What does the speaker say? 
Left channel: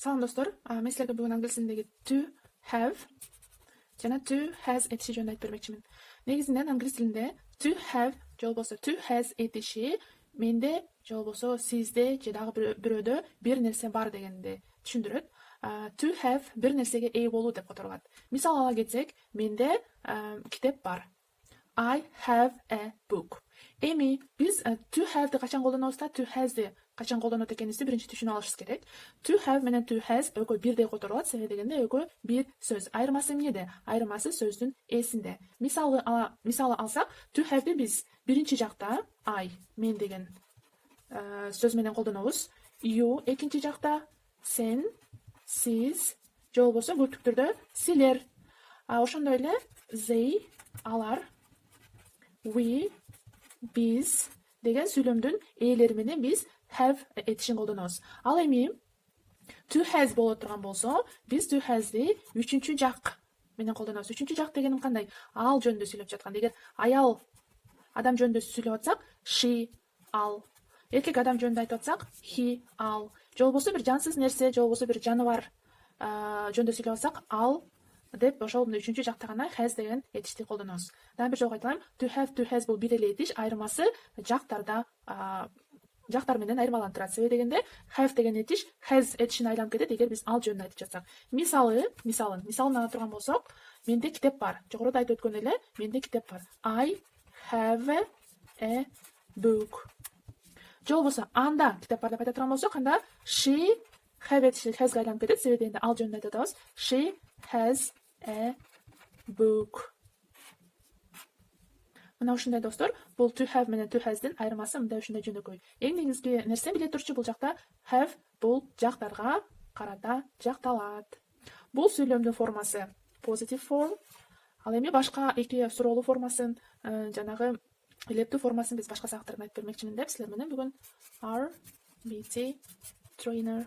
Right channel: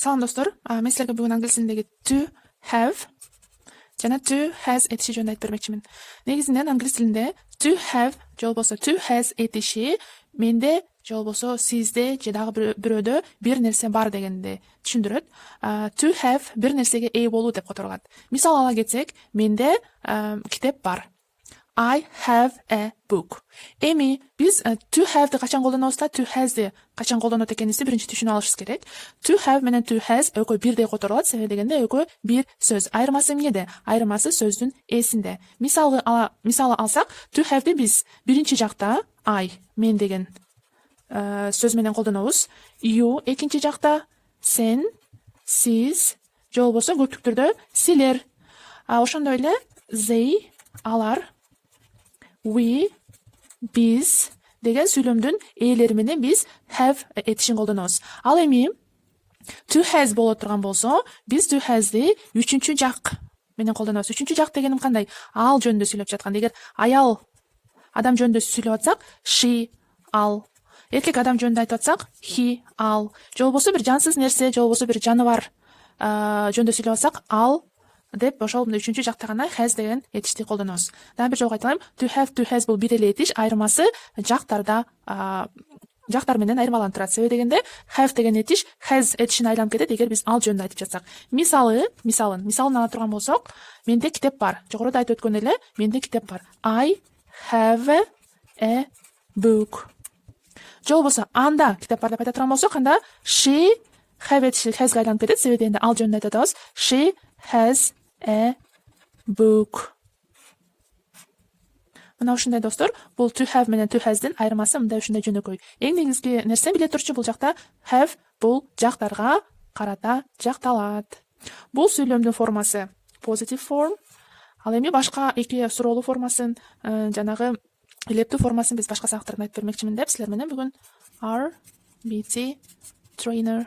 Салам достор, мен силерге бүгүн англис тилиндеги to have жана to has этиши жөнүндө айтып бермекчимин. Негизинен англис тилинде to have же болбосо to has этиши менде же болбосо сизде же дагы бирөөдө бир нерсе бар дегенди түшүндүрөт. To have бир нерсеге ээ болуу деп которулат. Мисал ала кетсек, менде китеп бар. I have a book. Эми биз to have'ди качан колдонобуз да to has'ди качан колдонот экенибизди биринчи түшүнүп алышыбыз керек. To have менен to has экөө бирдей которулат, себеби дегенде экөө бир сөз. Айырмасы эмнеде? Айырмасы сөздүн эсинде. Мисалы алсак, to have'ди биз биринчи жакта I, мен деген сөз менен колдонобуз. You экинчи жакта сен, сиз же болбосо көптүк түрдө силер. Ошондой эле they, алар, we, биз деген сүйлөмдүн ээлери менен биз have этишин колдонобуз. Ал эми to has боло турган болсо, биз to has'ди үчүнчү жак менен колдонобуз. Үчүнчү жак дегеним кандай? Ал жөнүндө сүйлөп жаткан. Эгер аял адам жөнүндө сүйлөп атсак, she, ал. Эркек адам жөнүндө айтып атсак, he, ал. Же болбосо бир жансыз нерсе, же болбосо бир жаныбар жөнүндө сүйлөп атсак, ал деп ошол үчүнчү жакта гана has деген этишти колдонобуз. Дагы бир жолу кайталайм. To have, to has бул бир эле этиш, айырмасы жактар менен айырмаланып турат. Себеби дегенде have деген этиш has этишине айланып кетет эгер биз ал жөнүндө айтып жатсак. Мисалын ала турган болсок, менде китеп бар. Жогоруда айтып өткөн эле, менде китеп бар. I have a book. Же болбосо анда китеп бар деп айта турган болсок, анда she have этиши has'га айланып кетет. Себеби дегенде ал жөнүндө айтып атабыз. She has a book. Мына ушундай достор, бул to have менен to has'дин айырмасы мындай ушундай жөнөкөй. Эң негизги нерсе биле турчу, бул жакта have бул жактарга карата жакталат. Бул сүйлөмдүн формасы positive form. Ал эми башка эки суроолуу формасын, жанагы илептүү формасын биз башка сабактарда айтып бермекчимин деп силер менен бүгүн are, BT, trainer